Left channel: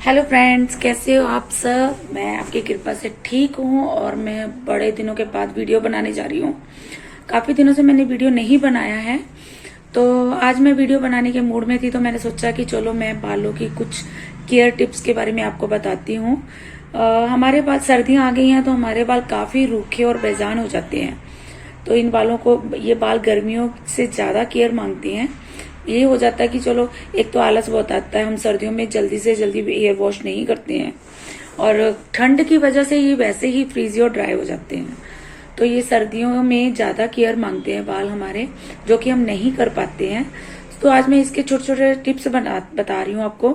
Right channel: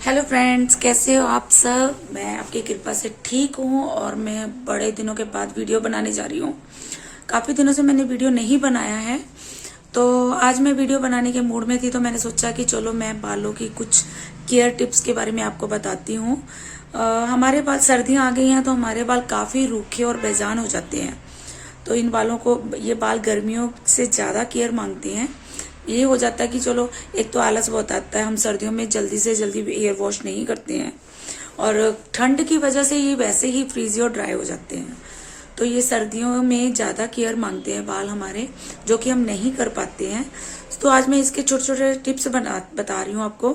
Hello friends, कैसे हो आप सब। मैं आपकी कृपा से ठीक हूँ और मैं बड़े दिनों के बाद वीडियो बनाने जा रही हूँ। काफ़ी दिनों से मैंने वीडियो नहीं बनाया है, तो आज मैं वीडियो बनाने के मूड में थी, तो मैंने सोचा कि चलो मैं बालों की कुछ केयर टिप्स के बारे में आपको बताती हूँ। हमारे बाल, सर्दियाँ आ गई हैं तो हमारे बाल काफ़ी रूखे और बेजान हो जाते हैं। तो इन बालों को, ये बाल गर्मियों से ज़्यादा केयर मांगते हैं। ये हो जाता है कि चलो, एक तो आलस बहुत आता है, हम सर्दियों में जल्दी से जल्दी हेयर वॉश नहीं करते हैं और ठंड की वजह से ये वैसे ही फ्रीजी और ड्राई हो जाते हैं। तो ये सर्दियों में ज़्यादा केयर मांगते हैं बाल हमारे, जो कि हम नहीं कर पाते हैं। तो आज मैं इसके छोटे छोटे टिप्स बता रही हूँ आपको,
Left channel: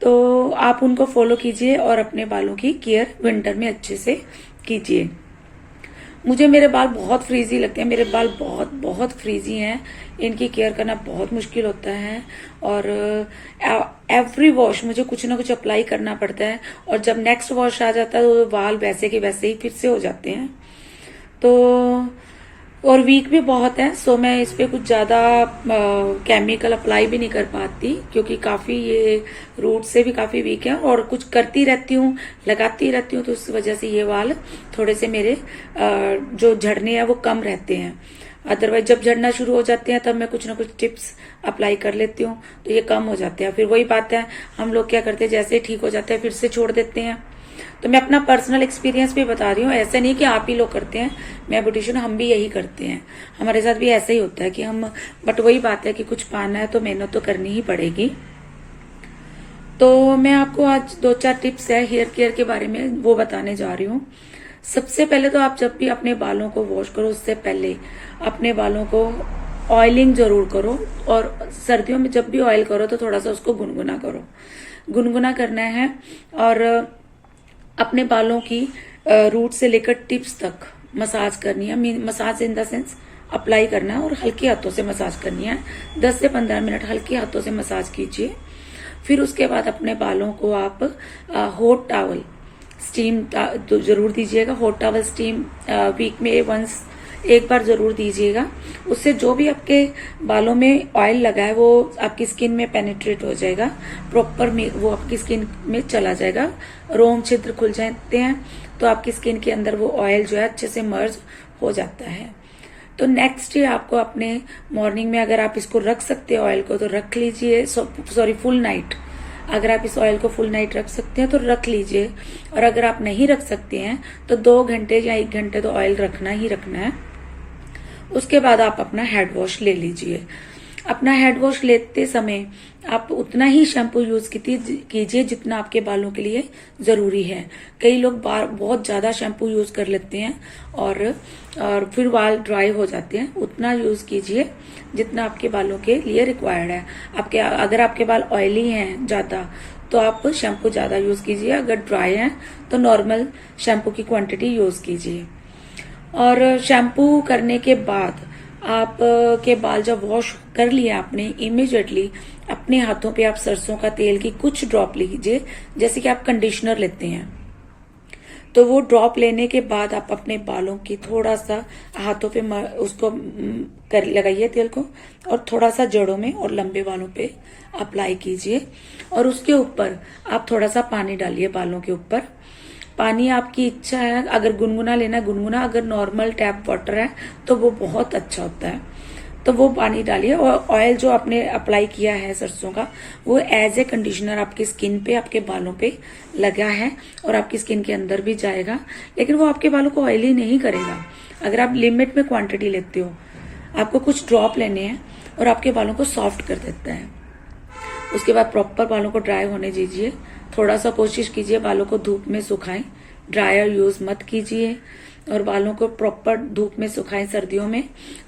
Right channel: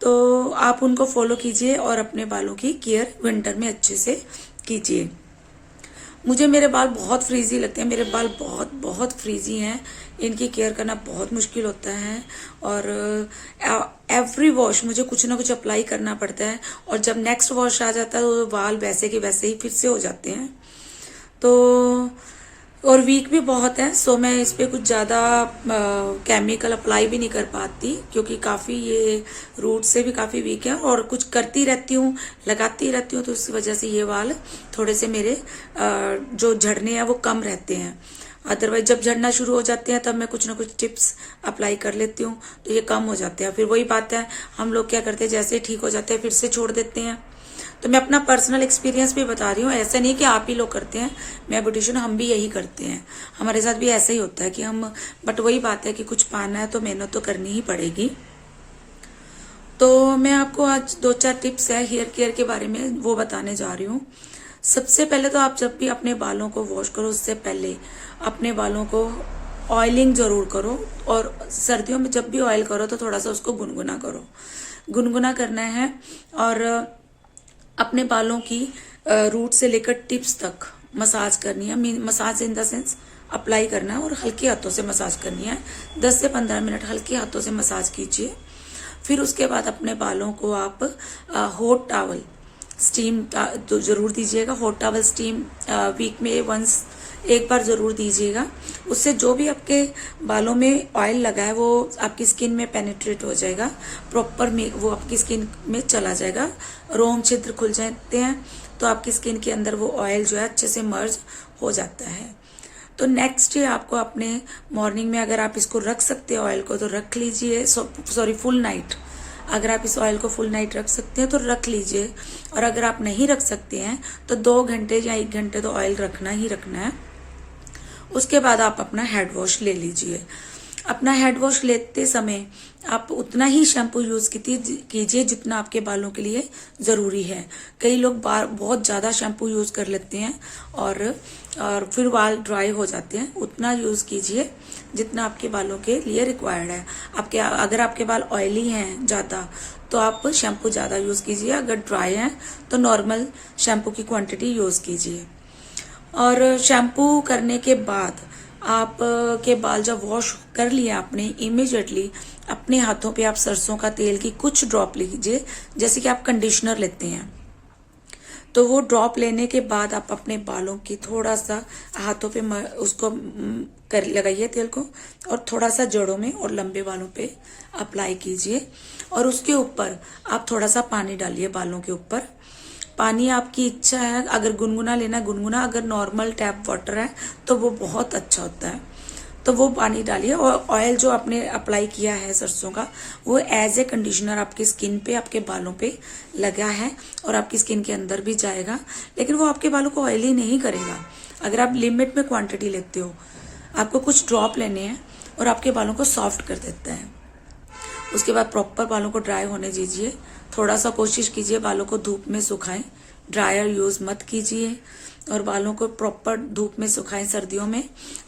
तो आप उनको फॉलो कीजिए और अपने बालों की केयर विंटर में अच्छे से कीजिए। मुझे मेरे बाल बहुत फ्रीजी लगते हैं, मेरे बाल बहुत बहुत फ्रीजी हैं। इनकी केयर करना बहुत मुश्किल होता है और एवरी वॉश मुझे कुछ ना कुछ अप्लाई करना पड़ता है, और जब नेक्स्ट वॉश आ जाता है तो बाल वैसे के वैसे ही फिर से हो जाते हैं। तो और वीक भी बहुत है, सो मैं इस पे कुछ ज़्यादा केमिकल अप्लाई भी नहीं कर पाती, क्योंकि काफ़ी ये रूट से भी काफ़ी वीक है और कुछ करती रहती हूँ, लगाती रहती हूँ, तो इस वजह से ये बाल थोड़े से मेरे जो झड़ने हैं वो कम रहते हैं। अदरवाइज जब झड़ना शुरू हो जाते हैं तब मैं कुछ ना कुछ टिप्स अप्लाई कर लेती हूँ, तो ये कम हो जाते हैं। फिर वही बात है, हम लोग क्या करते हैं, जैसे ठीक हो जाते हैं फिर से छोड़ देते हैं। तो मैं अपना पर्सनल एक्सपीरियंस भी बता रही हूँ, ऐसे नहीं कि आप ही लोग करते हैं, मैं ब्यूटिशियन, हम भी यही करते हैं, हमारे साथ भी ऐसा ही होता है कि हम, बट वही बात है कि कुछ पाना है तो मेहनत तो करनी ही पड़ेगी। तो मैं आपको आज 2-4 टिप्स है हेयर केयर के बारे में, वो बताने जा रही हूँ। सबसे पहले तो आप जब भी अपने बालों को वॉश करो, उससे पहले अपने बालों को ऑयलिंग जरूर करो, और सर्दियों में जब भी ऑयल करो तो थोड़ा सा उसको गुनगुना करो, गुनगुना करना है। और अपने बालों की रूट से लेकर टिप्स तक मसाज करनी है। Massage in the sense apply करना है और हल्के हाथों से मसाज करनी है। 10 से 15 मिनट हल्के हाथों से मसाज कीजिए। फिर उसके बाद अपने बालों को आप हॉट टॉवल स्टीम तो जरूर दीजिएगा। हॉट टॉवल स्टीम वीक में वंस एक बार जरूर दीजिएगा। उससे जो भी आपके बालों में ऑयल लगा है वो आपकी स्किन में पेनिट्रेट हो जाएगा, प्रॉपर में वो आपकी स्किन में चला जाएगा। रोम छिद्र खुल जाते हैं तो आपकी स्किन के अंदर वो ऑयल जो है अच्छे से मर्ज हो जाता है। तो नेक्स्ट डे आपको अपने मॉर्निंग में, अगर आप इसको रख सकते हैं ऑयल को तो रख लीजिए, सॉरी फुल नाइट, अगर आप इस ऑयल को फुल नाइट रख सकते हैं तो रख लीजिए। और अगर आप नहीं रख सकते हैं तो 2 घंटे या 1 घंटे तो ऑयल रखना ही रखना है। उसके बाद आप अपना हेड वॉश ले लीजिए। अपना हेड वॉश लेते समय आप उतना ही शैम्पू यूज कीजिए जितना आपके बालों के लिए जरूरी है। कई लोग बहुत ज्यादा शैम्पू यूज कर लेते हैं और फिर बाल ड्राई हो जाते हैं। उतना यूज कीजिए जितना आपके बालों के लिए रिक्वायर्ड है। अगर आपके बाल ऑयली हैं ज्यादा तो आप शैम्पू ज्यादा यूज कीजिए, अगर ड्राई हैं तो नॉर्मल शैम्पू की क्वांटिटी यूज कीजिए। और शैम्पू करने के बाद आप के बाल जब वॉश कर लिया आपने, इमीडिएटली अपने हाथों पे आप सरसों का तेल की कुछ ड्रॉप लीजिए, जैसे कि आप कंडीशनर लेते हैं। तो वो ड्रॉप लेने के बाद आप अपने बालों की थोड़ा सा हाथों पे उसको कर लगाइए तेल को, और थोड़ा सा जड़ों में और लंबे बालों पे अप्लाई कीजिए। और उसके ऊपर आप थोड़ा सा पानी डालिए बालों के ऊपर। पानी आपकी इच्छा है, अगर गुनगुना लेना गुनगुना, अगर नॉर्मल टैप वाटर है तो वो बहुत अच्छा होता है। तो वो पानी डालिए, और ऑयल जो आपने अप्लाई किया है सरसों का, वो एज ए कंडीशनर आपकी स्किन पे, आपके बालों पे लगा है और आपकी स्किन के अंदर भी जाएगा, लेकिन वो आपके बालों को ऑयली नहीं करेगा। अगर आप लिमिट में क्वांटिटी लेते हो, आपको कुछ ड्रॉप लेने हैं और आपके बालों को सॉफ्ट कर देता है। उसके बाद प्रॉपर बालों को ड्राई होने दीजिए। थोड़ा सा कोशिश कीजिए बालों को धूप में सुखाएं, ड्रायर यूज मत कीजिए, और बालों को प्रॉपर धूप में सुखाएं सर्दियों में,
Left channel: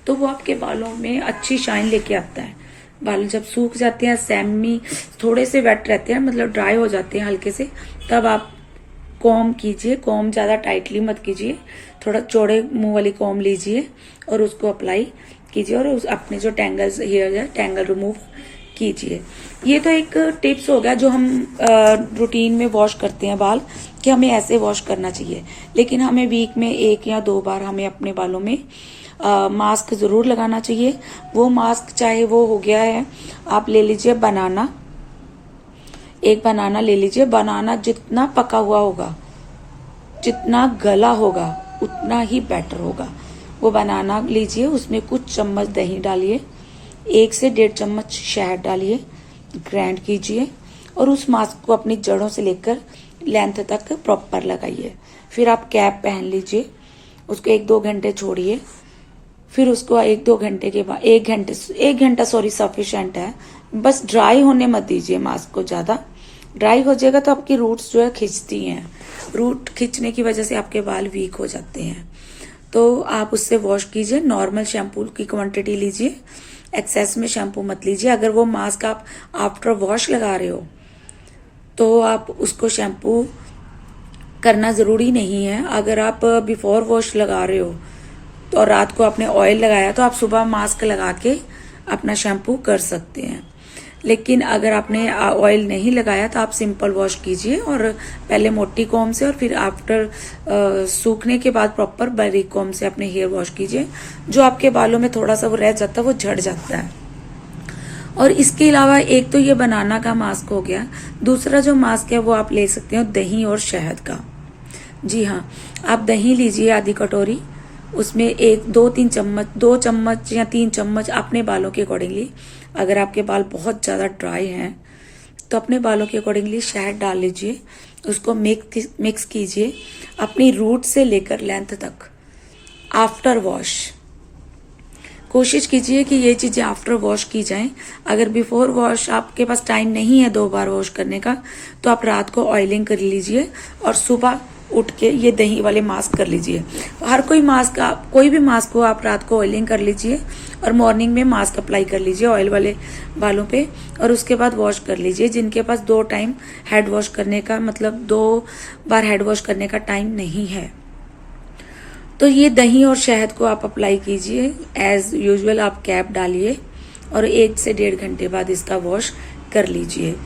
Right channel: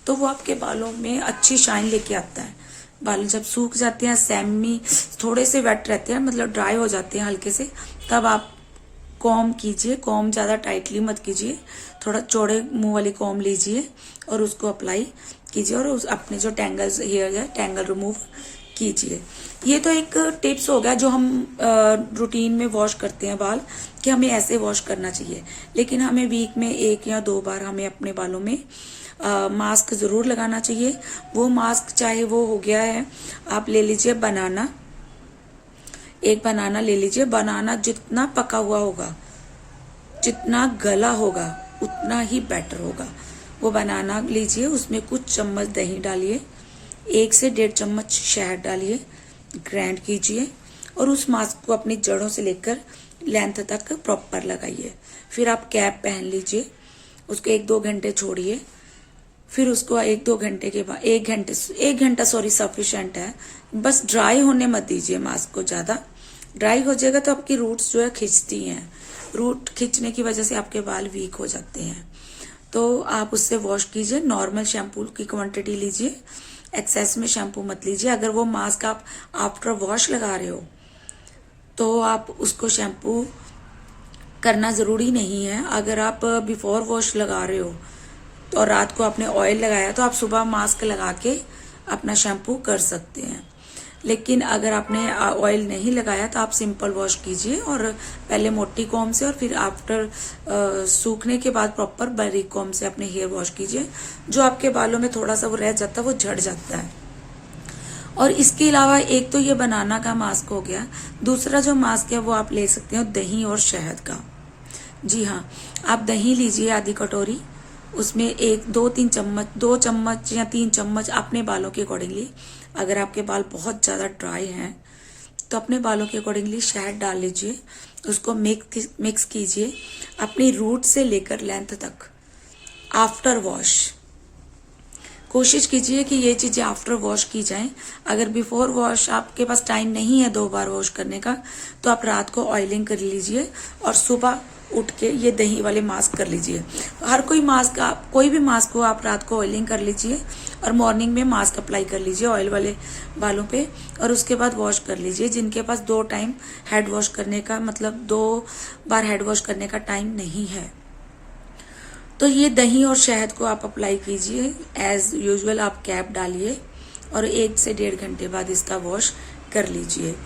तो वो आपके बालों में अच्छी शाइन लेके आता है। बाल जब सूख जाते हैं, सेमी थोड़े से वेट रहते हैं, मतलब ड्राई हो जाते हैं हल्के से, तब आप कॉम कीजिए। कॉम ज्यादा टाइटली मत कीजिए, थोड़ा चौड़े मुंह वाली कॉम लीजिए और उसको अप्लाई कीजिए, और अपने जो टैंगल्स हेयर है टैंगल रिमूव कीजिए। ये तो एक टिप्स हो गया जो हम रूटीन में वॉश करते हैं बाल, कि हमें ऐसे वॉश करना चाहिए। लेकिन हमें वीक में 1 या 2 बार हमें अपने बालों में मास्क जरूर लगाना चाहिए। वो मास्क चाहे वो हो गया है, आप ले लीजिए बनाना, एक बनाना ले लीजिए। बनाना जितना पका हुआ होगा, जितना गला होगा, उतना ही बेटर होगा। वो बनाना लीजिए, उसमें कुछ चम्मच दही डालिए, 1 से 1.5 चम्मच शहद डालिए, ग्राइंड कीजिए और उस मास्क को अपनी जड़ों से लेकर लेंथ तक प्रॉपर लगाइए। फिर आप कैप पहन लीजिए, उसको 1-2 घंटे छोड़िए। फिर उसको 1-2 घंटे के बाद 1 घंटा सफिशिएंट है। बस ड्राई होने मत दीजिए मास्क को ज्यादा। ड्राई हो जाएगा तो आपकी रूट्स जो है खिंचती हैं। रूट खिंचने की वजह से आपके बाल वीक हो जाते हैं। तो आप उससे वॉश कीजिए। नॉर्मल शैम्पू की क्वांटिटी लीजिए, एक्सेस में शैम्पू मत लीजिए। अगर वो मास्क आप आफ्टर वॉश लगा रहे हो तो आप उसको शैम्पू करना जरूरी नहीं है। अगर आप बिफोर वॉश लगा रहे हो तो और रात को आपने ऑयल लगाया तो आप सुबह मास्क लगा के अपना शैम्पू कर सकते हैं। लेकिन अगर आपने ऑयल नहीं लगाया तो आप सिंपल वॉश कीजिए और पहले मोटी कॉम से और फिर आफ्टर सूखने के बाद प्रॉपर बारीक कॉम से अपने हेयर वॉश कीजिए। जो आपके बालों में थोड़ा सा वो रह जाता है वो झड़ जाता है। और इसके अलावा एक तो ये बनाना का मास्क हो गया, दूसरा जो मास्क है वो आप ले सकते हो दही और शहद का। जी हाँ, आप दही लीजिए आधी कटोरी, उसमें 2 चम्मच या 3 चम्मच अपने बालों के अकॉर्डिंगली। अगर आपके बाल बहुत ज्यादा ड्राई हैं तो अपने बालों के अकॉर्डिंगली शहद डाल लीजिए। उसको मिक्स कीजिए अपनी रूट से लेकर लेंथ तक आफ्टर वॉश। कोशिश कीजिए कि ये चीजें आफ्टर वॉश की जाएं। अगर बिफोर वॉश आपके पास टाइम नहीं है 2 बार वॉश करने का तो आप रात को ऑयलिंग कर लीजिए और सुबह उठ के ये दही वाले मास्क कर लीजिए। कोई भी मास्क को आप रात को ऑयलिंग कर लीजिए और मॉर्निंग में मास्क अप्लाई कर लीजिए ऑयल वाले बालों पे और उसके बाद वॉश कर लीजिए। जिनके पास 2 टाइम हेड वॉश करने का, मतलब 2 बार हेड वॉश करने का टाइम नहीं है, तो ये दही और शहद को आप अप्लाई कीजिए। एज यूजुअल आप कैप डालिए और 1 से 1.5 घंटे बाद इसका वॉश कर लीजिए।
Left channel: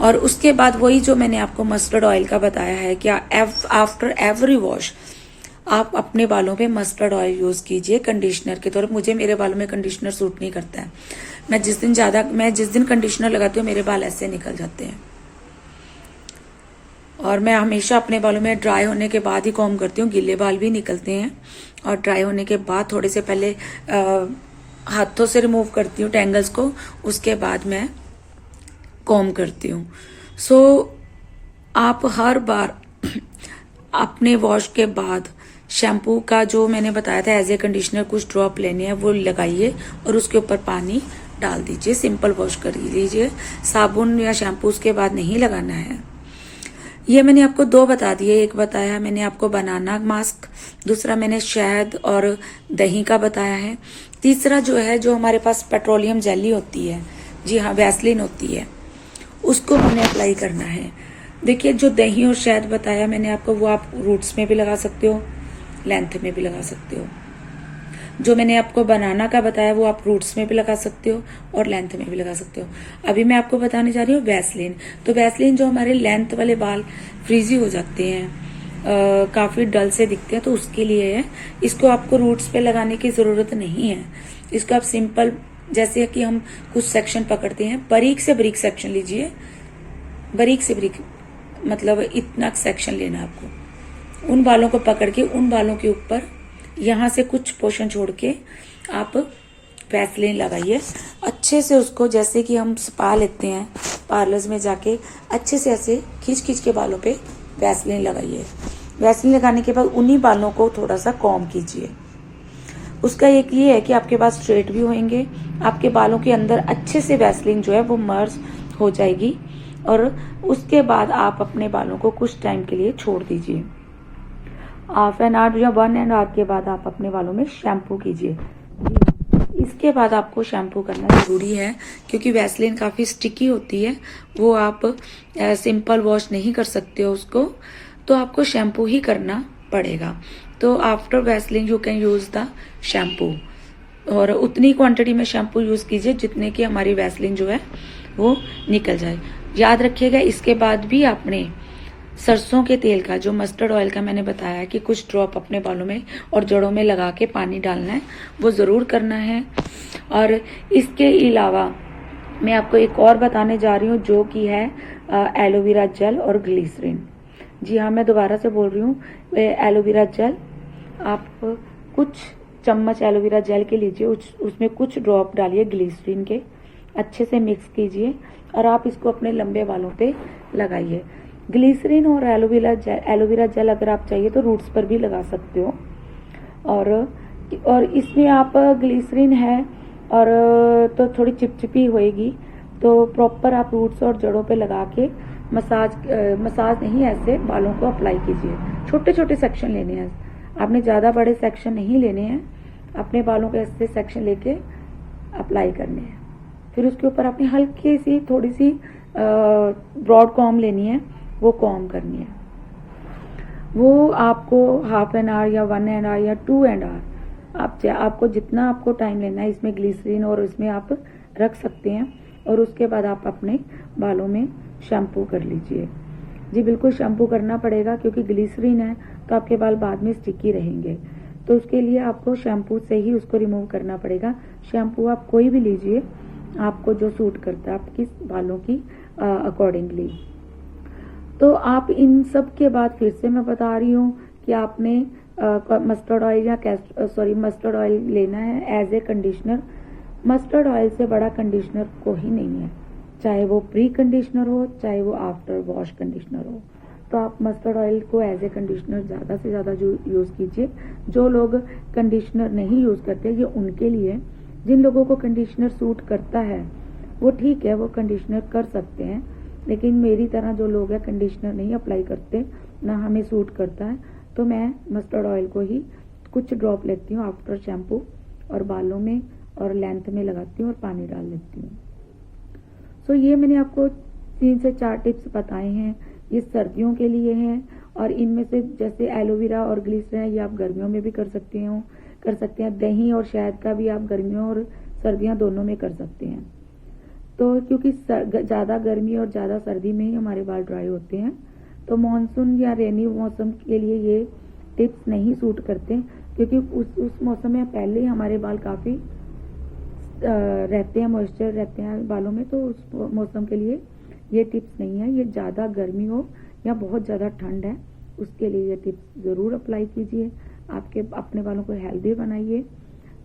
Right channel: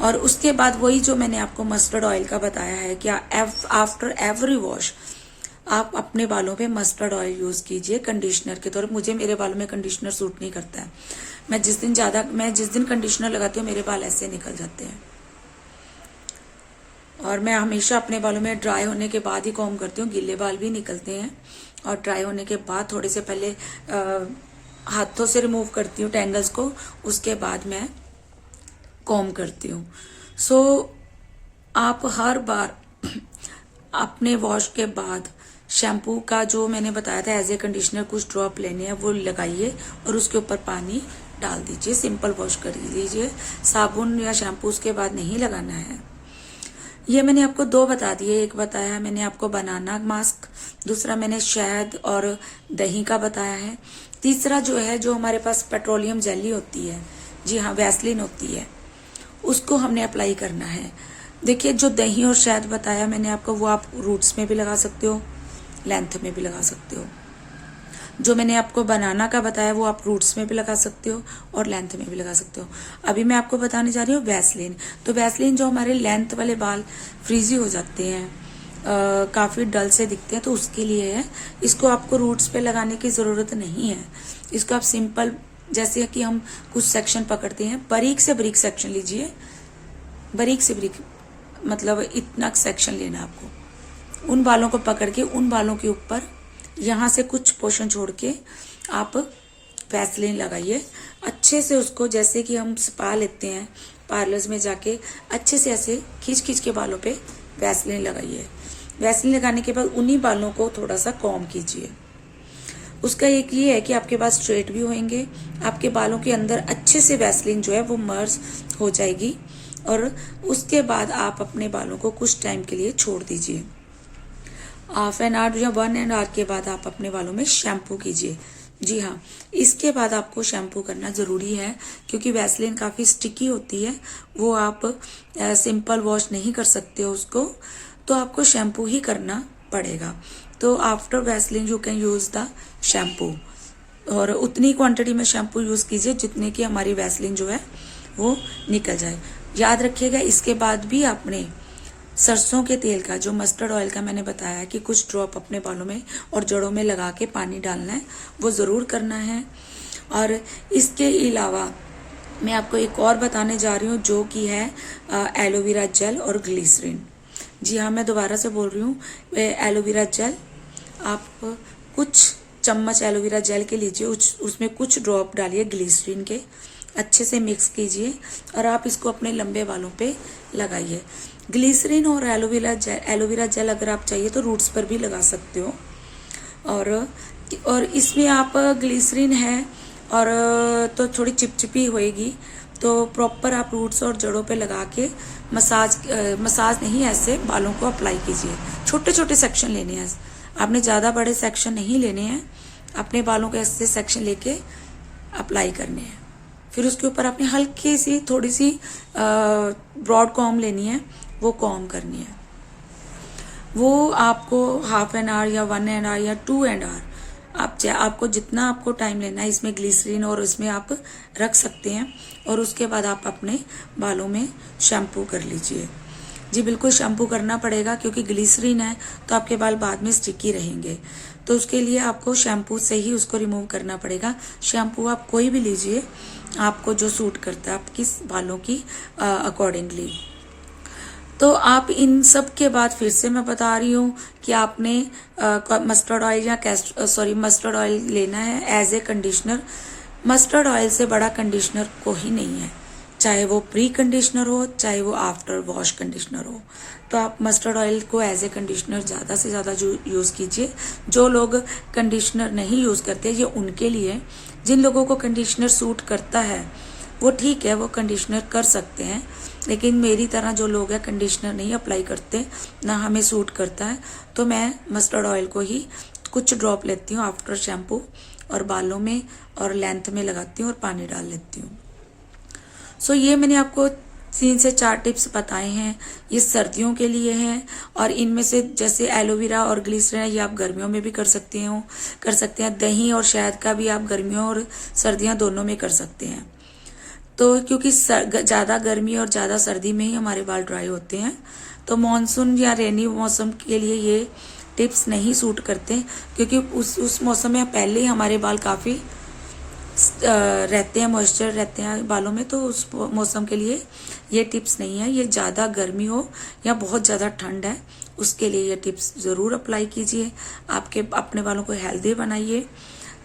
और उसके बाद वही जो मैंने आपको मस्टर्ड ऑयल का बताया है कि आफ्टर एवरी वॉश आप अपने बालों पे मस्टर्ड ऑयल यूज कीजिए कंडीशनर के तौर पर। मुझे मेरे बालों में कंडीशनर सूट नहीं करता है। मैं जिस दिन कंडीशनर लगाती हूँ मेरे बाल ऐसे निकल जाते हैं। और मैं हमेशा अपने बालों में ड्राई होने के बाद ही कॉम्ब करती हूँ। गीले बाल भी निकलते हैं और ड्राई होने के बाद थोड़े से पहले हाथों से रिमूव करती हूँ टेंगल्स को, उसके बाद मैं कॉम्ब करती हूँ। सो आप हर बार अपने वॉश के बाद शैम्पू का जो मैंने बताया था एज ए कंडीशनर कुछ ड्रॉप लेने हैं वो लगाइए और उसके ऊपर पानी डाल दीजिए। सिंपल वॉश कर लीजिए, साबुन या शैम्पू उसके बाद नहीं लगाना है। ये मैंने आपको 2 बता दिए। एक बताया मैंने आपको बनाना मास्क, दूसरा मैंने शहद और दही का बताया है। तीसरा जो है, जो हमारे पास पेट्रोलियम जेली होती है, जी हाँ वैसलीन होती है, उसको हमने अप्लाई करना है। देखिए जो दही और शहद बताया मैंने आपको वो आप रूट्स में भी लगा सकते हो, लेंथ में भी लगा सकते हो। जो मैंने आपको बनाना का बताया वो आप रूट्स में भी लगा सकते हो और लेंथ में भी लगा सकते हो। अभी मैं आपको बताने जा रही हूँ वैसलीन। तो वैसलीन जो हमारे लेंथ वाले बाल फ्रीजी हो जाते हैं, काफी डल से दिखते हैं, तो उसके लिए है। इसको आपको रूट्स पे लगाने की जरूरत नहीं है। इसको आप सिंपल, जैसे कि हम कुछ सेक्शन पकड़ते हैं, बारीक से बारीक सेक्शन लीजिए। बारीक से बारीक मतलब इतना सेक्शन लेना आपको। उन बालों को पकड़ के उन बालों के ऊपर यहाँ से कुछ पोर्शन छोड़ के आप वैसलीन लगाइए अच्छे से। उसको जैसे कि हम स्पा लेते हैं पार्लर्स में जाके, अच्छे से ऐसे खींच खींच के बालों पे वैसलीन लगाइए। वैसलीन लगाने के बाद उन्हीं बालों को थोड़ा सा कॉम्ब कीजिए। उसका एक ये है कि आपके पास स्ट्रेट भी होंगे, आपके बालों के अंदर अच्छे से वैसलीन जो है वो मर्ज हो जाएगी। और उसके बाद आप अपने बालों को कुछ टाइम के लिए छोड़ दीजिए। हाफ एन आवर या 1 आवर के बाद आप अपने बालों में शैम्पू कीजिए। जी हाँ, इसके बाद आपको शैम्पू करना जरूरी है क्योंकि वैसलीन काफी स्टिकी होती है। वो आप सिंपल वॉश नहीं कर सकते हो उसको, तो आपको शैम्पू ही करना पड़ेगा। तो after Vaseline you can use the shampoo, और उतनी क्वांटिटी में शैम्पू यूज कीजिए जितने की हमारी वैसलीन जो है वो निकल जाए। याद रखिएगा, इसके बाद भी आपने सरसों के तेल का, जो मस्टर्ड ऑयल का मैंने बताया कि कुछ ड्रॉप अपने बालों में और जड़ों में लगा के पानी डालना है, वो जरूर करना है। और इसके अलावा मैं आपको एक और बताने जा रही हूँ जो कि है एलोवेरा जेल और ग्लिसरीन। जी हाँ, मैं दोबारा से बोल रही हूँ, एलोवेरा जेल आप कुछ चम्मच एलोवेरा जेल के लीजिए, उसमें कुछ ड्रॉप डालिए ग्लिसरीन के, अच्छे से मिक्स कीजिए और आप इसको अपने लंबे बालों पे लगाइए। ग्लिसरीन और एलोवेरा जेल अगर आप चाहिए तो रूट्स पर भी लगा सकते हो। और इसमें आप ग्लिसरीन है और तो थोड़ी चिपचिपी होएगी, तो प्रॉपर आप रूट्स और जड़ों पे लगा के मसाज नहीं, ऐसे बालों को अप्लाई कीजिए। छोटे छोटे सेक्शन लेने हैं, आपने ज़्यादा बड़े सेक्शन नहीं लेने हैं, अपने बालों के ऐसे सेक्शन लेके अप्लाई करने हैं। फिर उसके ऊपर अपनी हल्की सी थोड़ी सी ब्रॉड कॉम्ब लेनी है, वो कॉम्ब करनी है। वो आपको हाफ एन आवर या 1 आवर या 2 आवर, आपको जितना आपको टाइम लेना है इसमें ग्लिसरीन और उसमें आप रख सकते हैं। और उसके बाद आप अपने बालों में शैम्पू कर लीजिए। जी बिल्कुल शैम्पू करना पड़ेगा, क्योंकि ग्लिसरीन है तो आपके बाल बाद में स्टिकी रहेंगे, तो उसके लिए आपको शैम्पू से ही उसको रिमूव करना पड़ेगा। शैम्पू आप कोई भी लीजिए, आपको जो सूट करता है आपकी बालों की अकॉर्डिंगली। तो आप इन सब के बाद फिर से मैं बता रही हूँ कि आपने मस्टर्ड ऑयल या मस्टर्ड ऑयल लेना है as a conditioner. Mustard oil से बड़ा कंडीशनर कोई नहीं है, चाहे वो प्री कंडीशनर हो चाहे वो आफ्टर वॉश कंडीशनर हो। तो आप मस्टर्ड ऑयल को एज ए कंडीशनर ज़्यादा से ज़्यादा यूज़ कीजिए। जो लोग कंडीशनर नहीं यूज़ करते ये उनके लिए, जिन लोगों को कंडीशनर सूट करता है वो ठीक है, वो कंडीशनर कर सकते हैं, लेकिन मेरी तरह जो लोग हैं कंडीशनर नहीं अप्लाई करते, ना हमें सूट करता है, तो मैं मस्टर्ड ऑयल को ही कुछ ड्रॉप लेती हूँ आफ्टर शैम्पू और बालों में और लेंथ में लगाती हूँ और पानी डाल लेती हूँ। सो ये मैंने आपको 3 से 4 टिप्स बताए हैं, ये सर्दियों के लिए हैं। और इनमें से जैसे एलोवेरा और ग्लिसरीन ये आप गर्मियों में भी कर सकते हैं। दही और शहद का भी आप गर्मियों और सर्दियाँ दोनों में कर सकते हैं। तो क्योंकि ज़्यादा गर्मी और ज़्यादा सर्दी में ही हमारे बाल ड्राई होते हैं, तो मॉनसून या रेनी मौसम के लिए ये टिप्स नहीं सूट करते, क्योंकि उस मौसम में पहले ही हमारे बाल काफ़ी रहते हैं, मॉइस्चर रहते हैं बालों में, तो उस मौसम के लिए ये टिप्स नहीं है। ये ज़्यादा गर्मी हो या बहुत ज़्यादा ठंड है उसके लिए ये टिप्स ज़रूर अप्लाई कीजिए। अपने बालों को हेल्दी बनाइए।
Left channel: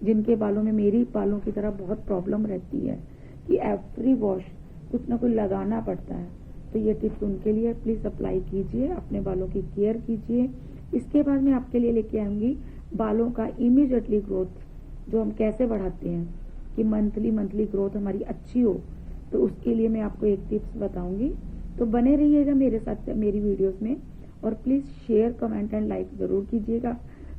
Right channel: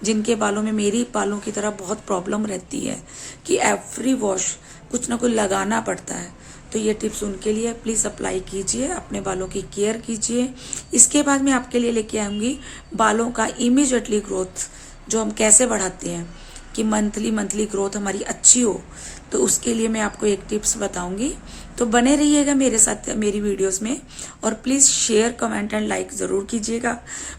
जिनके बालों में मेरी बालों की तरह बहुत प्रॉब्लम रहती है कि एवरी वॉश कुछ ना कुछ लगाना पड़ता है, तो ये टिप्स उनके लिए प्लीज़ अप्लाई कीजिए, अपने बालों की केयर कीजिए। इसके बाद मैं आपके लिए लेके आऊँगी बालों का इमीडिएटली ग्रोथ, जो हम कैसे बढ़ाते हैं कि मंथली ग्रोथ हमारी अच्छी हो, तो उसके लिए मैं आपको एक टिप्स बताऊंगी। तो बने रहिएगा मेरे साथ मेरी वीडियोस में, और please share comment and like ज़रूर कीजिएगा,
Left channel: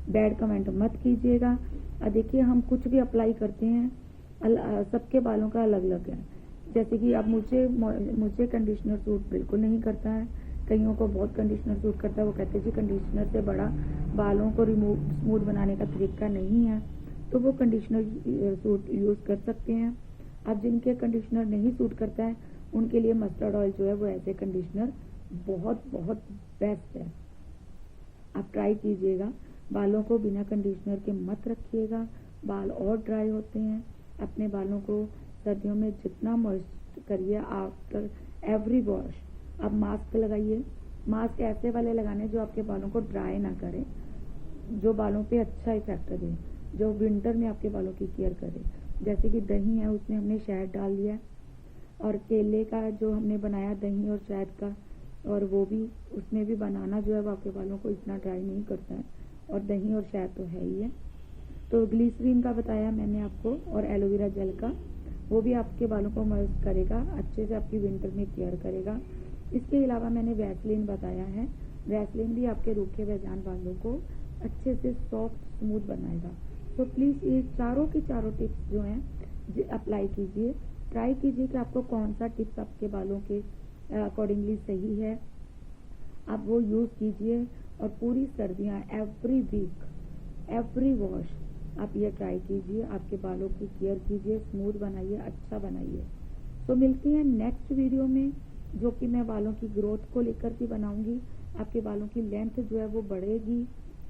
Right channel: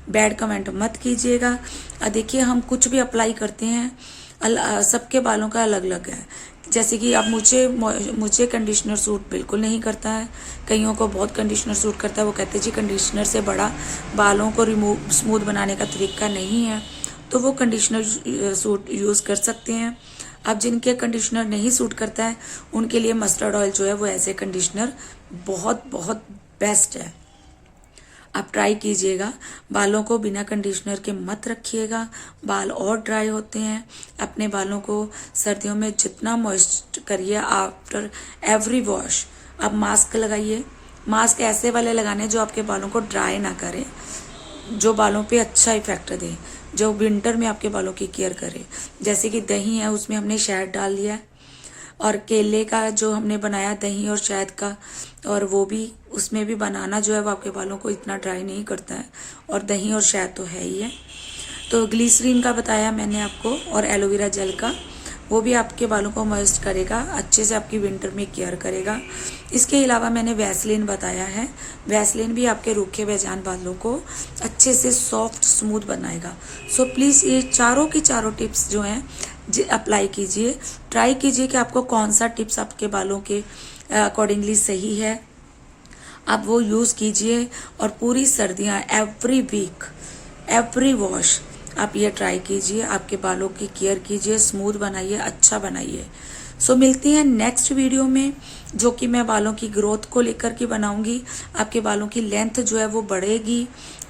बैड कमेंट मत कीजिएगा। देखिए हम कुछ भी अप्लाई करते हैं सबके बालों का अलग अलग है। जैसे कि अब मुझे कंडीशनर सूट बिल्कुल नहीं करता है, कईयों को बहुत कंडीशनर सूट करता है, वो कहते हैं जी कंडीशनर से बड़ा बालों को स्मूथ बनाने का तरीका नहीं है, तो वो कंडीशनर सूट यूज़ कर सकते हैं। अब जिनके कंडीशनर नहीं सूट करता है उनके लिए मस्टर्ड ऑयल जो है वो एज ए कंडीशनर बहुत बहुत बेस्ट है। आप ट्राई कीजिएगा, बालों को बिना कंडीशनर के मत रखिएगा, बाल और ड्राई होते हैं। अपने बालों को सर्दियों में जितना मॉइस्ट करिए आफ्टर एवरी वॉश। आप मास्क लगाइए, मास्क ऐसे वाले लगाने जो आपके बालों को ड्राई ना करे, जो बालों पे अच्छा इफेक्ट दे, जो विंटर में आपके बालों की केयर करे। जैसे कि दही है, उसमें हमने शहद डाल दिया, और केले का जो हमने बनाया दही और शहद का, और वो भी उसमें भी बनाना जो है वो आपके बालों को इतना ड्राई नहीं करता है, और दही और शहद तो है ही है। तो ग्लिसरीन का बताया मैंने आपको, और एलोवेरा जेल का, वो भी आपके बालों को मॉइस्ट करेगा, अच्छे से आपकी विंटर में केयर करेगा। इसके अलावा मैंने वैसलीन बताया है, वैसलीन भी आपके रूखे बेजान बालों को अच्छे से सॉफ्ट स्मूथ बनाएगा। सो प्लीज़ ये चारों की चारों टिप्स जो हैं अप्लाई कीजिए, ट्राई कीजिए कि आपको कौन सा टिप्स आपके बालों के अकॉर्डिंगली सही है, आप वो यूज़ कीजिए। और पूरी सर्दियाँ एवरी वीक एवरी वॉश आप ये ट्राई कीजिए, आपके बालों की केयर कीजिए, स्मूथ बनाइए, अच्छा बनाइए। सो मिलते हैं नेक्स्ट वीडियो में, जो कि मैं बालों की ग्रोथ को लेकर के बनाऊंगी। आपके बालों की लेंथ जो है वो बढ़ेगी,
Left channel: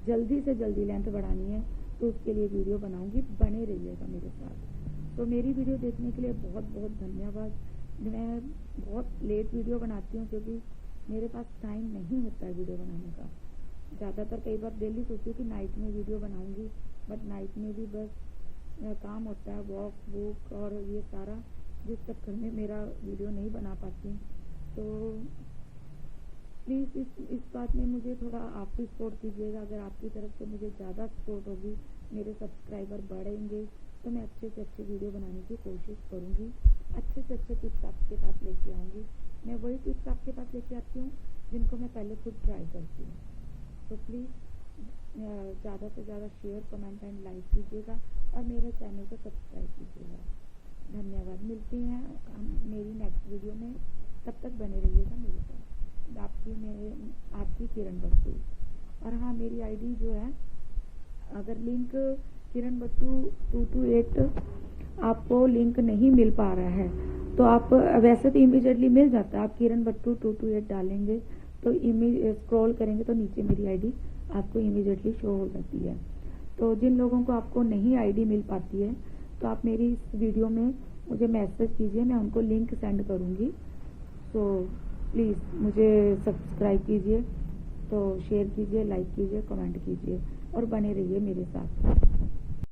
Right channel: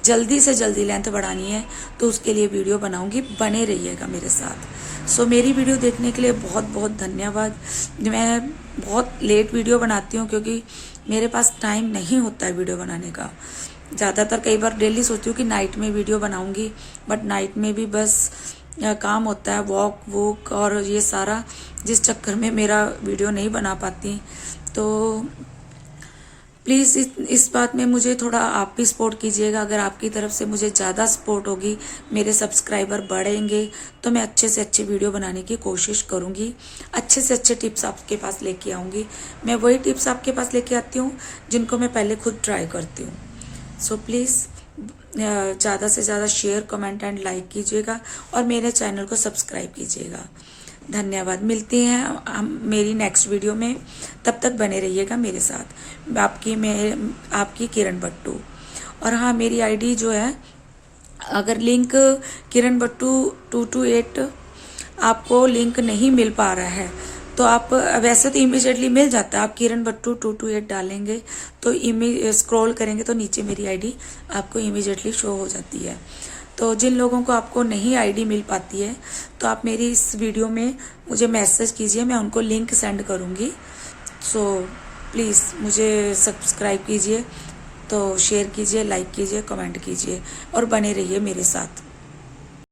जल्दी से जल्दी लेंथ बढ़ानी है तो उसके लिए वीडियो बनाऊंगी, बने रहिएगा मेरे साथ। सो मेरी वीडियो देखने के लिए बहुत बहुत धन्यवाद। मैं बहुत लेट वीडियो बनाती हूँ क्योंकि मेरे पास टाइम नहीं होता है वीडियो बनाने का। ज़्यादातर कई बार डेली सोचती हूँ कि नाइट में वीडियो बनाऊंगी, बट नाइट में भी बस काम होता है, वॉक वॉक और ये सारा, जिस चक्कर में मेरा वीडियो नहीं बना पाती। तो प्लीज़ इस बात में मुझे थोड़ा आप भी सपोर्ट कीजिएगा। अगर आपकी तरफ से मुझे ज़्यादा सपोर्ट होगी, मेरे सब्सक्राइबर बढ़ेंगे, तो मैं अच्छे से अच्छे वीडियो बनाने की कोशिश करूँगी, अच्छे से अच्छे टिप्स आपके पास लेके आऊँगी। मैं वही टिप्स आपके पास लेके आती हूँ जिनको मैं पहले खुद ट्राई करती हूँ। सो प्लीज़ ज़्यादा से ज़्यादा शेयर, कमेंट एंड लाइक कीजिएगा और मेरे चैनल को सब्सक्राइब कीजिएगा। धन्यवाद। मिलते हैं हम मेरी नेक्स्ट वीडियो में, तब तक बने रहिएगा मेरे साथ। आपकी किरण बट्टू। और हाँ, मेरी आईडी जो है, अगर लिंक किरण बट्टू 228 आपको लिंक नहीं मिल पा रहा है तो आप, वैसे तो इमीडिएटली मिल जाता है, आप किरण बट्टू 228 डालेंगे तो स्क्रॉल करेंगे तो नीचे मेरी आईडी आपको इमीडिएटली शो हो जाती है। तो जिन लोगों को आपको नहीं आईडी मिल पाती है तो आप मेरी इस वीडियो में मुझे मैसेज कीजिए, मैं उनको लिंक सेंड करूँगी। सो प्लीज़ मुझे सब्सक्राइब कीजिए, तो शेयर कीजिए, लाइक कीजिए, कमेंट कीजिए और बने रहिए मेरे साथ।